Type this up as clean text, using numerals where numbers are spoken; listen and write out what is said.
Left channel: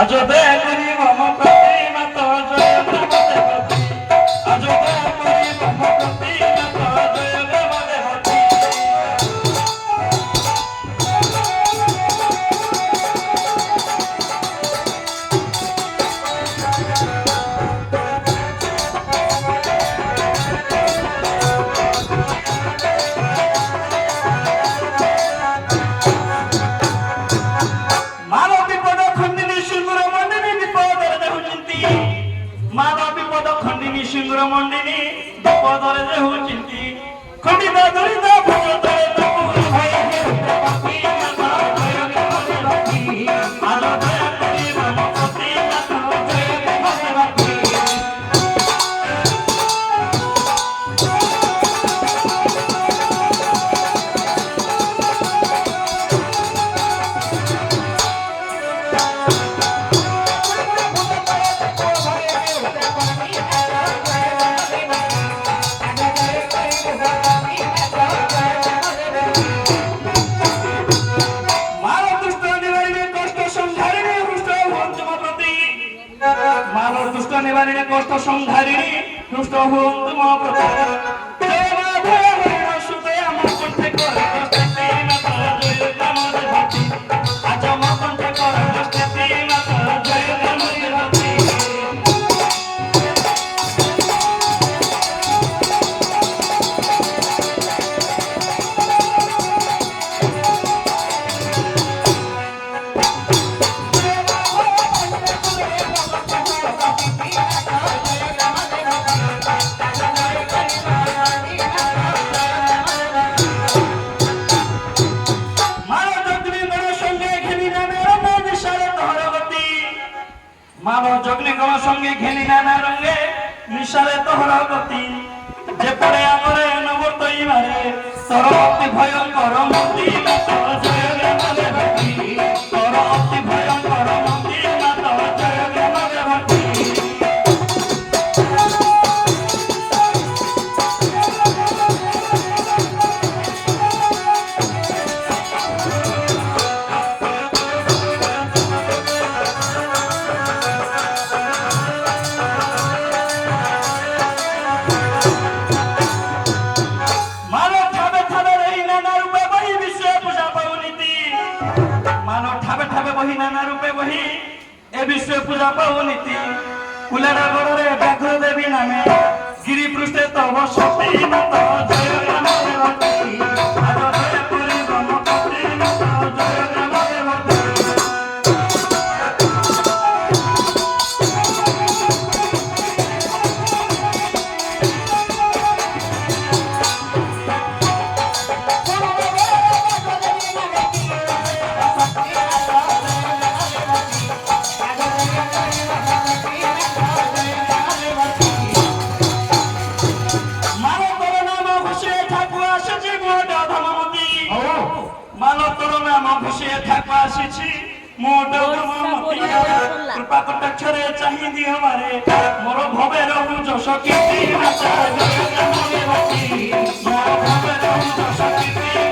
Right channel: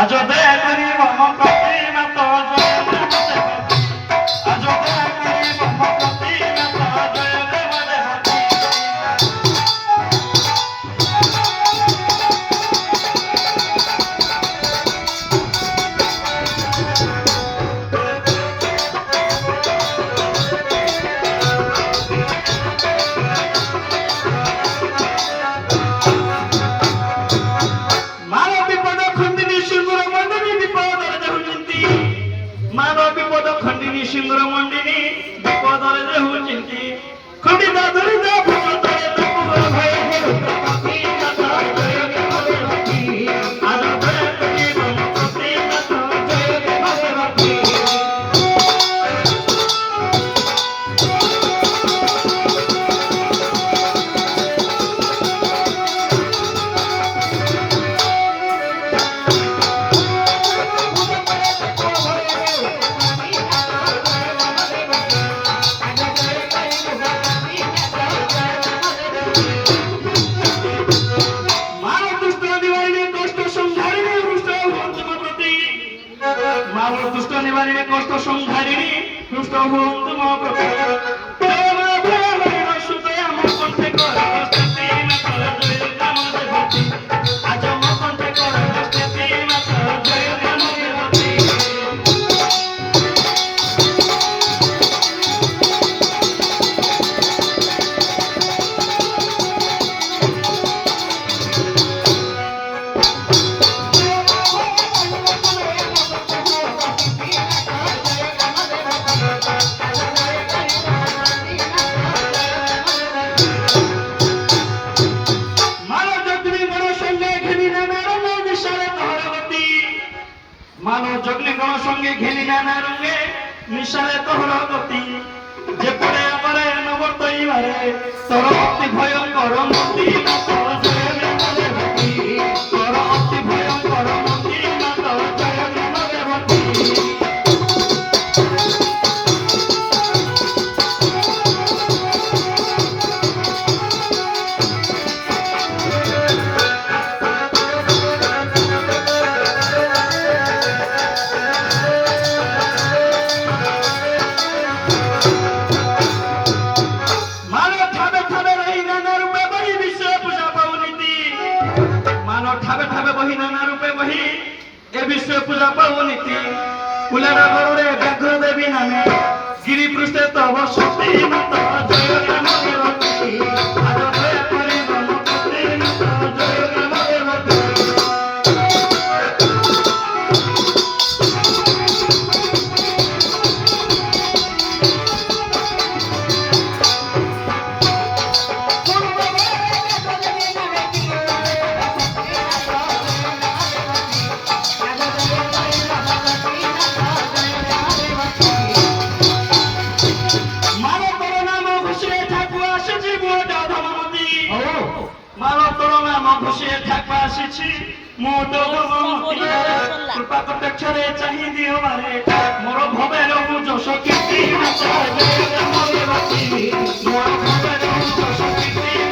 আজ দেখি মম প্রতি মাত জয় দেবতী আজ দেখি মম প্রতি মাত জয় দেবতী সিংহ মন্ডিনী বিপদরে রহুচিন্তি খন্ডিতা ধরিতা ভূতরে তপু ভয় রুদ্রপতি মাতা জয় দেবতী আজ দেখি মম প্রতি মাত জয় দেবতী দুষ্ট নিবারিণী কষ্ট সংহারিণী দুষ্ট হুন্তু মহাপ্রভু আমার কণ্ঠে করে আজ আমার কণ্ঠে করে জয় দেবতী মানব যজ্ঞিকণ সঙ্গে ঘেনি নানা রঙে নিশারে তোহর গতি যে পড়ে আমরে নবতৈবারে তোর অতি ভয়ঙ্কর মন্দির মাত জয় দেবতী তোর অতি ভয়ঙ্কর মন্দির মাত জয় দেবতী বহি নানা রূপে বহি এ বিশ্ব পূজা পাবনীতি কুলের গড়ে ব্যাঘ্র দেবী নামে গিরি পৃষ্ঠে তব শক্তি মাত জয় দেবতী আজ দয়া করি মম প্রতি মাত জয় দেবতী কৃপা কটাক্ষরে চাহি দিও মারে মোর ভবের যশ কীর্তি মাতা জয় দেবতী মোর ভবের যশ কীর্তি